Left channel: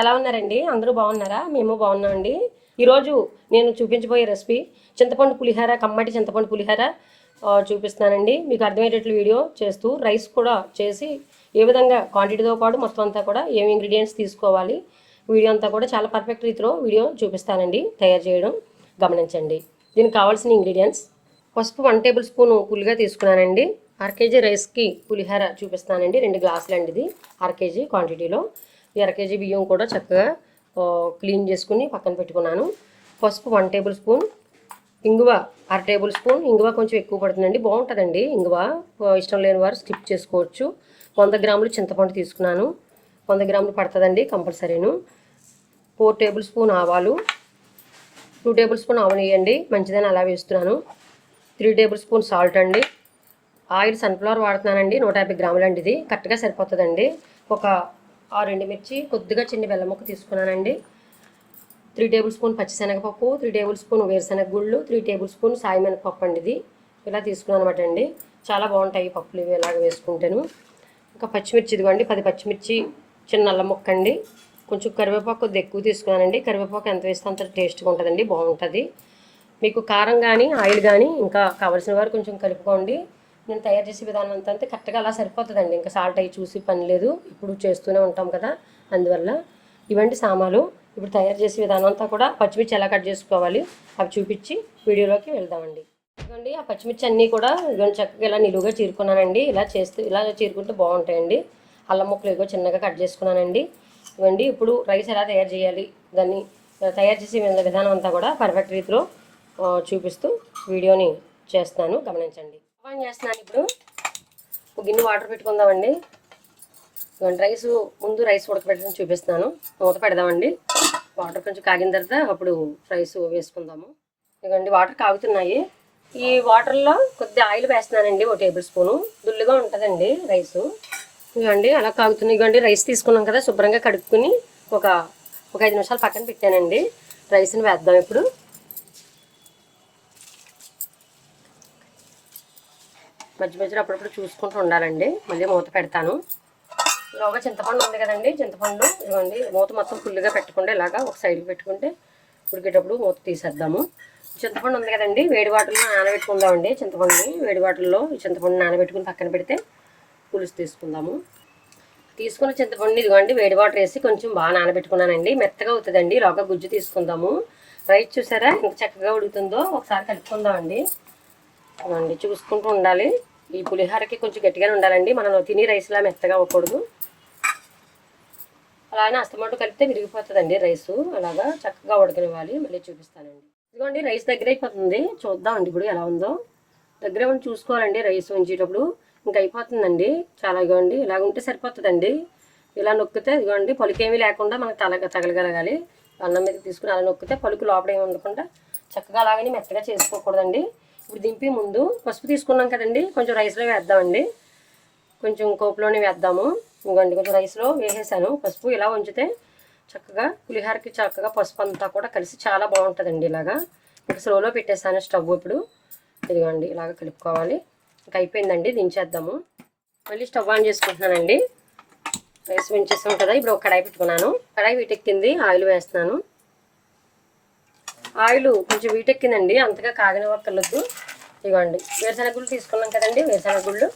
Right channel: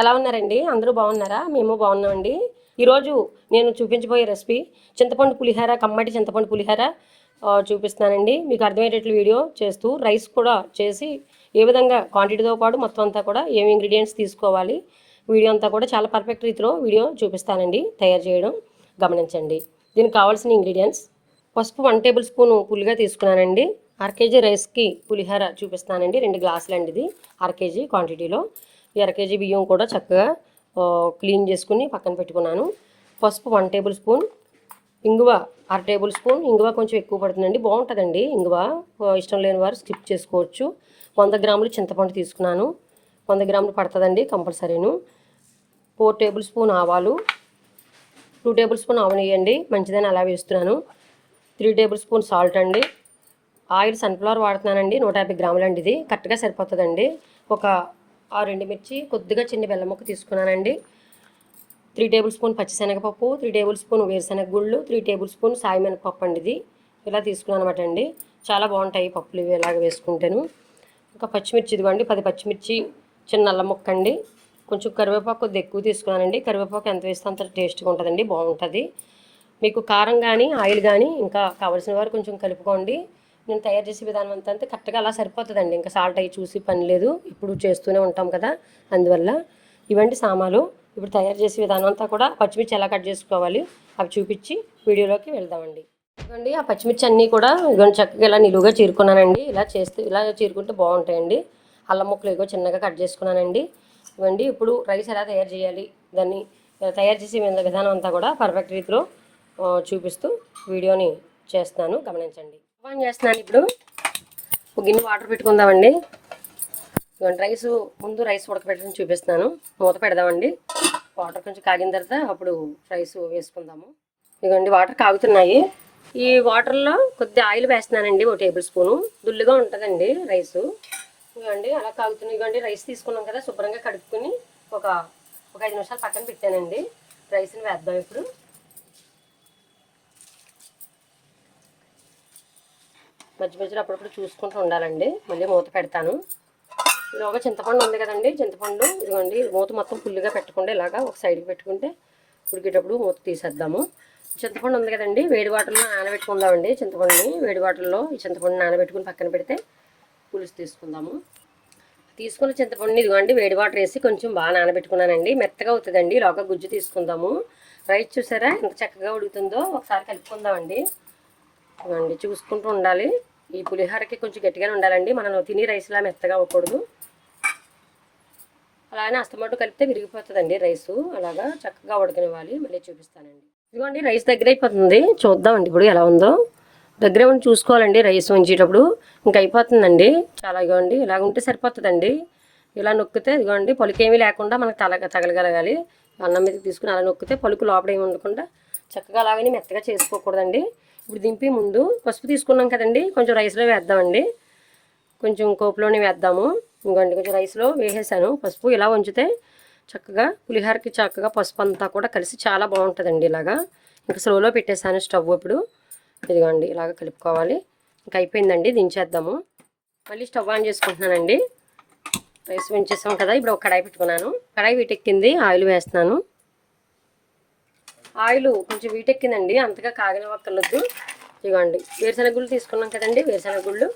ఎలా ఉన్నారండి? అందరూ బాగున్నారా? మేము బాగున్నామండి. ఈరోజు నేను చూపించబోయే రెసిపీ చింతపండు పులిహోర, కమ్మటి చింతపండు పులిహోర చూపిస్తానండి. మీకు అర్థమయ్యేటట్లు వీడియో చేస్తూ రైస్ కూడా చేసి ఏ విధంగా క్వాంటిటీతో పాటు మొత్తం అంతా కూడా ఏమి ఇంగ్రీడియంట్స్ తీసుకోవాలి వీడియో అంతా కూడా చాలా పర్ఫెక్ట్ రీతిలో వీడియో చూపిస్తానండి. తయారు చేయడం గమనించండి. దీనికి కావాల్సిన ఇంగ్రీడియంట్స్: పసుపు 1 టేబుల్ స్పూన్ పులిగా తీసుకున్నానండి. 1/2 కేజీ రైస్కి పులిహోర చూపిస్తానండి. 2 గ్లాసులు అండి ఇది 1/2 కేజీ క్వాంటిటీలో. 1/2 కేజీ బియ్యం కూడా చక్కగా క్లీన్ చేసుకుని పక్కన పెట్టుకున్నాను. పసుపు 1 టేబుల్ స్పూన్, ఇంగువ 1/2 టేబుల్ స్పూన్. ఇంగువ కొంచెం ఎక్కువ పడుతుందండి, బాగుంటుందండి ఇంగువ. ఇష్టం లేని వారు స్కిప్ చేసుకోవచ్చు. 100 గ్రాములు చింతపండు తీసుకున్నాను. 100 గ్రాములు పడుతుందండి కంపల్సరీను. 4 టేబుల్ స్పూన్ ఆవాలు, 2 టేబుల్ స్పూన్ ఆవు నెయ్యి అండి, మంచిదని అలా వేస్తున్నాను. 3 టేబుల్ స్పూన్ సాల్ట్ అండి. ఆయిల్ సన్ఫ్లవర్ వాడుతున్నానండి, 150 గ్రాములు అండి. ఇది కరెక్ట్గా సరిపోతుందండి. ఒక 6 ఎండుమిర్చి, కొద్దిగా చిన్న బెల్లం ముక్క తీసుకున్నానండి. 3 టేబుల్ స్పూన్ పచ్చిశనగపప్పు, 3 టేబుల్ స్పూన్ వేరుశనగ గుళ్ళు, 3 టేబుల్ స్పూన్ సాయి మినపప్పు అండి. ఇది ఇలా తీసుకున్నాను అనమాట అండి. చాలా బాగుంటాయి పప్పులు ఇవి ఇలాగ వేసుకుంటాను. ఇంకా పచ్చిమిర్చి ఇదిగోండి 10 పచ్చిమిర్చి, చిన్న అల్లం ముక్క అండి. కొంచెం కరివేపాకు కొద్దిగా ఎక్కువ తీసుకున్నానండి. కరివేపాకు ఎంత వేస్తే అంత టేస్ట్గా ఉంటుందండి, బాగుంటుంది. మీకు కారం కానీ ఆయిల్ కానీ ఇంకా కావాల్సిన వారు కొంచెం కలుపుకోండి. నేను తయారు చేసే విధానం అంతా కరెక్ట్గా అలా సరిపోతుందండి. ఇంకా సాల్ట్ అవి చూసి పని లేదు, ఇప్పుడు చేస్తూనే ఉంటాం కదా, అందువల్ల. ఇవంటి సామాలు. ఇప్పుడు తయారు చేసే విధానం అంతా కూడా పచ్చిమిర్చి ఎలా కట్ చేసుకోవాలి అవి చూపించి వీడియోలోకి వెళ్దామండి. ఇవ్వండి ఆ పచ్చిమిర్చి అన్నీ కూడా ఇవన్నీ చక్కగా ఇలా నిలువుగా చీరుకున్నానండి. ఇలా చీరుకుంటే బాగుంటాయండి. అల్లం ముక్కలు ఇగో చిన్నగా కట్ చేసుకున్నానండి. ఇవ్వండి ఇప్పుడు రైస్ ఎలా తయారు చేయాలి, దాన్ని తయారు చేసే విధానం అంతా కూడా పర్ఫెక్ట్ రీతిలో చూపిస్తూ వీడియోని చేస్తాను, గమనించండి. ఆన్ చేస్తున్నాను. ఇప్పుడు ఒక గిన్నె వాటర్ పెట్టుకుందామండి. ముందు రైస్ ఉడకబెట్టడం చూపిస్తున్నాను. మూత పెడదామండి. వాటర్ కొంచెం కాగిన తర్వాత అప్పుడు రైస్ వేసుకుందాము. ఇదిగోండి వాటర్ కాగుతున్నాయి. ఈ వాటర్లో కొద్దిగా ఆయిల్ వేస్తున్నానండి, 1 టేబుల్ స్పూను. దుల్లుగా ఉంటుందండి రైసు. ఇదిగోండి అలా కాగుతున్నాయి. ఇదిగోండి రైస్ తీసుకున్నాం కదా, శుభ్రంగా కడుక్కుని ఒక 5 నిమిషాలు పక్కన పెట్టానండి. రైస్ని వేద్దాం ఇప్పుడు. మధ్య మధ్యలో అప్పుడప్పుడు చూసుకుంటూ ఉండాలండి. మళ్ళీ మూత పెడతాను. ఇలాగా చింతపండు ఉంది కదండి, చింతపండు ఇదిగోండి మూత మొత్తం ఫుల్గా పెట్టకుండా ఇలాగా ఒక సైడ్కి పెట్టుకుంటే ఉడికేటప్పుడు మూత తీసేద్దాము. చింతపండు ఉంది కదండి, వేడి వాటర్లో నానబెట్టుకుందామండి. చింతపండుని వేడి వాటర్లో ఈ చింతపండు నానబెట్టుకుని పక్కన పెడితే పులుసు తీసుకుందాము. తీసుకున్న చింతపండుని ఇదిగోండి వేడి వాటర్ వేసి కొంచెం బాగా నానబెట్టుకున్నానండి. మెత్తగా అవుతుందండి. ఇలాగా గుజ్జు తీసుకుందాము. రైస్ చూసారా ఎంత చక్కగా ఉడుకుతుందో, ఒకసారి కలుపుకుందామండి. ఇవ్వండి చూసుకుంటూ ఉండాలి. ఈ పులిహోరకి కొంచెం గట్టిగానే ఉండాలండి, మనం తిని రైస్లా మెత్తగా అవ్వకూడదు. అలానే అస్తమాటు కలిపితే విరిగిపోతుందండి రైసు. అలాగా చక్కగా ఉడకనివ్వాలి. మళ్ళీ చూపిస్తానండి. ఇదిగోండి రైస్ దగ్గర అయిపోతుంది, చూద్దామండి ఇప్పుడు ఎలా ఉందో. దగ్గర ఉండి చూసుకోవాలండి రైస్ ఉంచేటప్పుడు. ఇంకా అయిపోతుందండి చాలా. ఇదిగోండి ఇలాగ ఉంటే సరిపోతుందండి. ఇలా నొక్కితే ఇదిగోండి పలుకేమీ లేకుండా మనకు తగలగలగాలి. అన్నం మీద తీసుకుని అలా నొక్కితే పలుకు లోపల ఏమి ఉండకుండా చక్కగా అలాగని మెత్తగా చేసుకోకూడదండి. ఇప్పుడు దింపి ముందు పసుపు తీసుకున్నాం కదండి, కొంచెం రైస్లో వేద్దామండి. కొంచెం కోపులోనే వేద్దాము. ఇంకోండి కొంచెం రైస్లో వేసేసాను పసుపు. ఇలా ఉంచితే చక్కగా పులిహోరకి చక్కగా పసుపు అంతా కూడా కలిసి చాలా బాగుంటుందండి. ఇలాగా ఇంకా స్లోలో పెట్టేసాను స్టవ్. ఇప్పుడు ఇదిగోండి ఇలాగ కలుపుకోవాలి. ఇంకా అయిపోయిందండి, దించేద్దాము. మళ్ళీ స్టవ్ ఆన్ చేసుకుంటున్నానండి. రైస్ ఉంచేసాం కదా, ఇప్పుడు ఒక కడాయి పెట్టుకున్నాను. కడాయి వీటెక్కింది, ఆయిల్ వేస్తున్నాను. ఆయిల్ కొంచెం వీటెక్కిందండి, అంతగా కాగనివ్వక్కర్లేదు. ఇదిగోండి వేరుశనగ గుళ్ళు తీసుకున్నాం కదండి, వేరుశనగ గుళ్ళు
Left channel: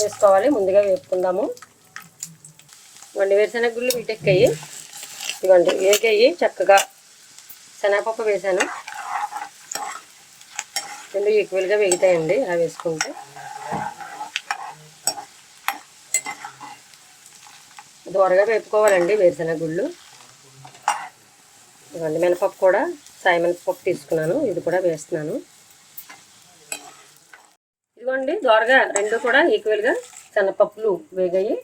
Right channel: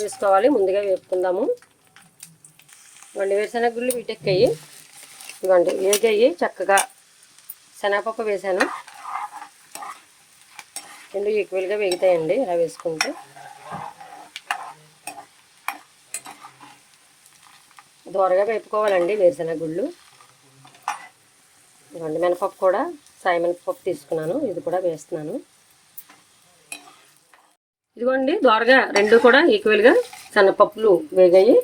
వేసుకోవాలి. ముందుగా వేపుకుందాము. ఇవ్వండి వేరుశనగ గుళ్ళు వీటెక్కాయి. ఇవ్వండి వేగాయి చక్కగా. శనగపప్పు వేసాను, 2 ఈక్వల్గా వేగుతాయండి ఇలా వేసుకుంటే. దోరగా వేపుకోవాలండి వేరుశనగ గుళ్ళు. ఇవ్వండి మినపప్పు కూడా సాయి మినపప్పు తీసుకున్నాను, ఇది కూడా వేస్తున్నాను. ఇదిగోండి దోరగా 2 కూడా ఈక్వల్గా శనగపప్పులు వేగాయి.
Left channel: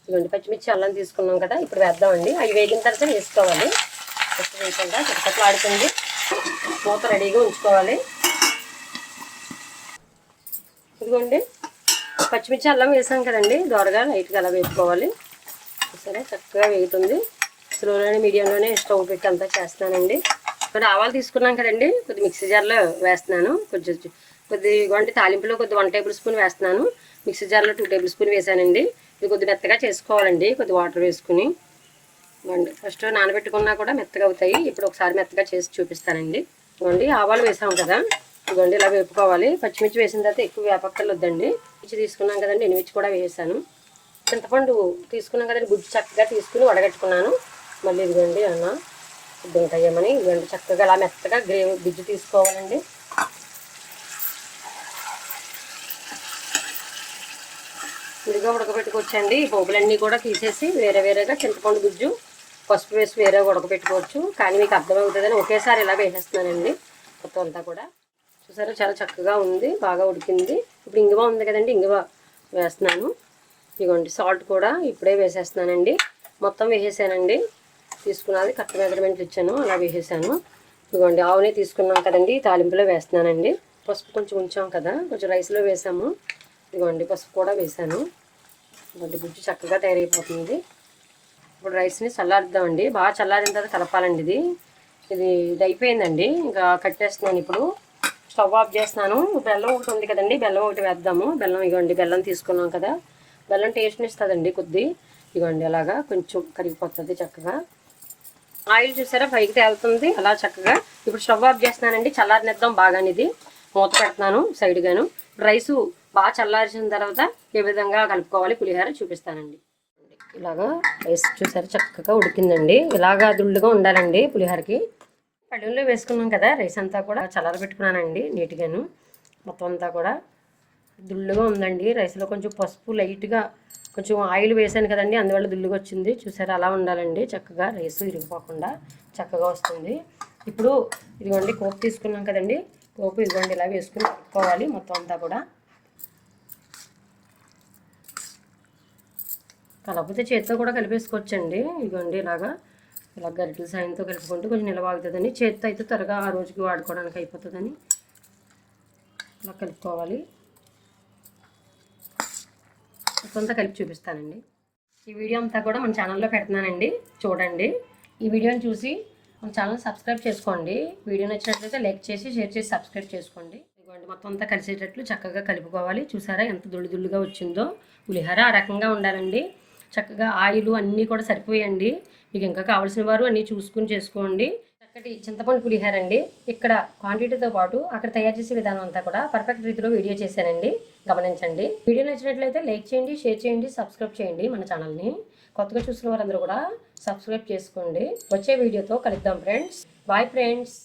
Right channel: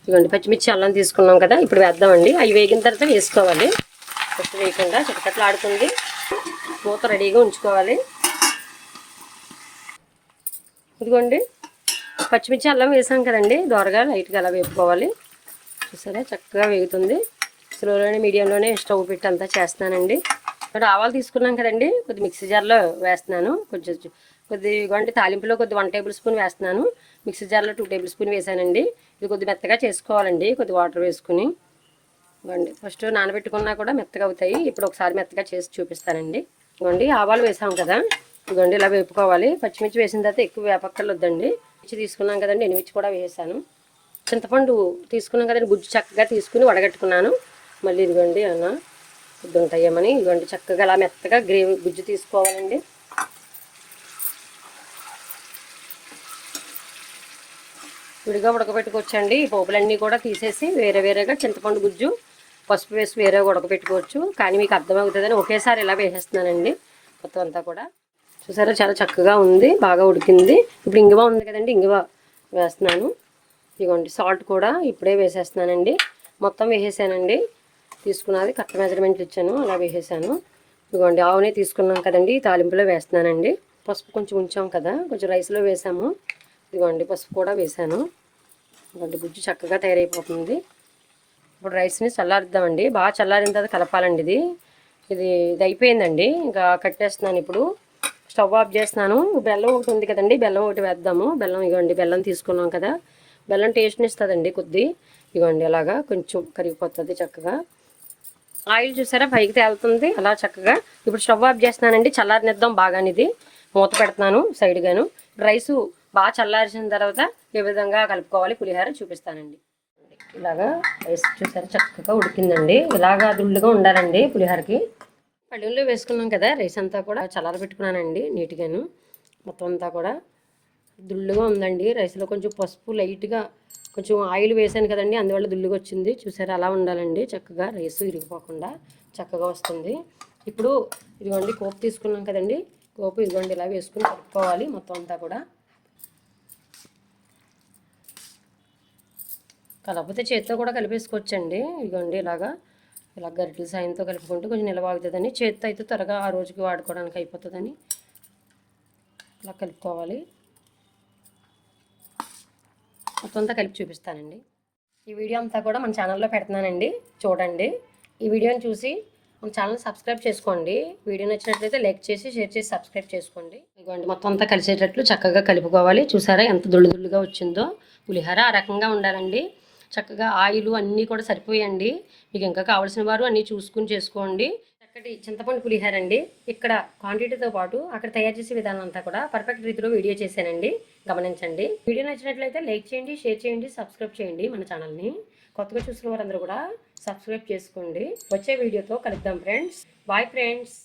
ఇదిగోండి పచ్చిమిర్చి అల్లం తీసుకున్నాం కదా, ఇప్పుడు వేద్దామండి. అవి వేగిన తర్వాత వేసుకోవాలి. ఫస్ట్ వేయకుండా చిటపట్లు ఆడుతుంది. మూత రెడీగా ఉంచుకోవాలి. ఇదిగోండి పచ్చిమిర్చి అల్లం వేసాం కదండి, దోరగా లైట్గా అలా వేపుకోవాలి. చూసారా చక్కగా వేగుతుంది. స్లోలోనే మీడియంలోనే స్టవ్ పెట్టి అంతా చేస్తున్నానండి. ఆవాలు తీసుకున్నాం కదండి, కొద్ది మిక్సీ జార్లో వేస్తున్నాను. కొద్దిగా అంటే తాలింపులో కొద్ది 1 టేబుల్ స్పూన్ వేస్తున్నాను. మిక్సీ జార్లో 2 టేబుల్ స్పూన్ వేసానండి. ఇది కొద్ది మెత్తగా చేసుకోవాలండి, కొద్ది వాటర్ వేసుకుని. ఫస్ట్ నానబెట్టుకున్నా కూడా మెత్తగా అవుతాయి. ఇప్పుడు ఒకసారి మెత్తగా చేసి చూపిస్తానండి. ఇదిగోండి ఆవాలు వేసాం కదా, ఇదిగోండి ఇలా వేపుకోవాలి. పచ్చిమిర్చి వేసిన తర్వాత ఎక్కువ వేపక్కలు వద్దండి. మిర్చి తీసుకున్నాం కదండి, ఎండుమిర్చి కూడా వేసాను. చింతపండు తీసుకున్నాం కదండి, గుజ్జు చక్కగా తీసుకుని వడగట్టుకున్నాను. మళ్ళీ ఇదిగోండి అన్న ఫుడ్ ఉంటాయేమని ఇదిగోండి చక్కగా అలా మెత్తగా గ్రేవీ గుజ్జు తీసుకోవాలండి. విడిగా ఉడకబెట్టుకోవచ్చండి. ఈ పోపులన్నీ కూడా తీసేసి వేరేగా చింతపండు గుజ్జు పసుపు వేసి వేరే ఉడకబెట్టుకోవచ్చు. కానీ మీకు అర్థమవుతుందని ఒకేసారి ఇలా వేసేస్తున్నానండి మొత్తం అంతా కూడా. చూసారా చాలా చక్కగా ఉంది, బాగా ఉడికింది. ఇప్పుడు ఇంగువ ఉంది కదండి, ఇంగువ వేస్తున్నాను. ఇదిగోండి సాల్ట్ కూడా ఇప్పుడే వేసేస్తున్నానండి. మొత్తం వేసేసానండి, తీసుకున్నది కరెక్ట్ మెజర్మెంట్లు ఇచ్చాను, అలా వేసేసాను. ఇదిగోండి ఆవునే తీసుకున్నాం కదండి, తాలింపులో వేస్తున్నానండి. పసుపు కొంచెం ఉంచాం కదా, కొంచెం రైస్లో వేసాము. ఇదిగోండి పసుపు కూడా వేసాను. ఇదిగోండి గుజ్జు చక్కగా తయారైపోతుంది. ఇప్పుడు రైస్ని చల్లారుద్దామండి, బాగా చల్లారిన తర్వాత కలపాలండి. ఇది అయిపోయిందండి, ఇంకా కట్టేస్తున్నాను. ఇప్పుడు స్టవ్ ఆఫ్ చేస్తున్నాను. బెల్లం ఒకటి ఉంది కదండి, బెల్లం ఒకటి వేద్దాము. బెల్లం ఇవ్వండి, బెల్లం తీసుకున్నాం కదా, బెల్లం టేస్ట్ని ఇస్తుందండి కొద్ది. ఇవ్వండి అలాగా కొంచెం కరిగిపోతుంది చక్కగా. ఆయిల్ చూసారా పైకి తేలుతుంది అలా చక్కగా. ఇప్పుడు స్టవ్ ఆఫ్ చేస్తున్నానండి, చల్లారనిద్దాం బాగానే. ఇది మూత పెడుతున్నాను సైడ్గాను. రైసు బాగా చల్లార్చిన తర్వాత ఏ విధంగా కలుపుకోవాలి పులిహోర చూపిస్తానండి. ఇలాగా రైస్ చూసారా చక్కగా ఉడికిందండి. ఇలాగా దుళ్ళుగా ఉండాలండి పులిహోరకి. పళ్ళెంలో వేసుకున్నాం కదా, రైస్ అంతా కూడా చల్లారబెట్టుకున్నానండి నీట్గాను. మొత్తం అంతా కూడా దుళ్ళుగా ఉందండి. రైస్లో కొంచెం పసుపు లైట్గా కొంచెం ఆయిల్ వేసాను కదండి, అందువల్ల దుళ్ళుగా వచ్చింది. చూసారా అలా ఉండాలండి చక్కగా, రైస్ ఇరిగిపోకుండా చక్కగా వస్తుంది. ఇప్పుడు ఇదిగోండి పోపు తీసుకున్నాం కదండి, పోపు ఇదిగోండి ఇలా వేసుకుని కలుపుకోవాలి మొత్తం అంతా కూడా. కలపతే చేతితో కూడా కలిపేసుకోవచ్చండి. ఇదిగోండి ఇలా గరిటెల సాయంతో కలుపుకుంటూ కొంచెం నిలవాగుతుందని, చేతితో అయితే త్వరగా ఆ రోజుకి వాడుకోవడానికి అయిపోతుందని ఇలా కలుపుకోవాలి. మొత్తం అంతా కలిపి చూపిస్తానండి. ఈ వీడియో అంతా కూడా మన ఛానల్లో పెడుతున్నానండి, చూడండి. ఈ వీడియోని చూసి మన ఛానల్ సబ్స్క్రైబ్ చేసుకోండి. వీడియో నచ్చినట్లయితే లైక్ చేసి షేర్ చేసి సబ్స్క్రైబ్ చేసుకోండి. ఇదిగోండి మొత్తం అంతా కలిసేటట్లు చక్కగా కలుపుకోవాలి. చూసారా ఎంత దుళ్ళుగా వచ్చిందో పులిహోర. ఆ రకంగా ఉండాలండి. చక్కగా ఆయిల్ అన్నీ కూడా సరిపోయండి. మీకు ఇంకా కావాల్సిన వారు అన్నీ చూసుకుని చేసుకోండి. చక్కటి చింతపండు పులిహోర అండి. ఇక్కడ క్వాంటిటీతో పాటు అక్కడ తయారు చేసే విధానం అంతా కూడా పర్ఫెక్ట్ రీతిలో వీడియో చేశానండి, గమనించండి. వీడియో నచ్చినట్లయితే లైక్ చేయండి, షేర్ చేయండి, సబ్స్క్రైబ్ చేయండి మన ఛానల్ని. కొత్తగా చూసిన వారందరూ కూడా సబ్స్క్రైబ్ చేసుకోండి. వచ్చే వీడియోతో కలుద్దాం ఫ్రెండ్స్. Bye friends.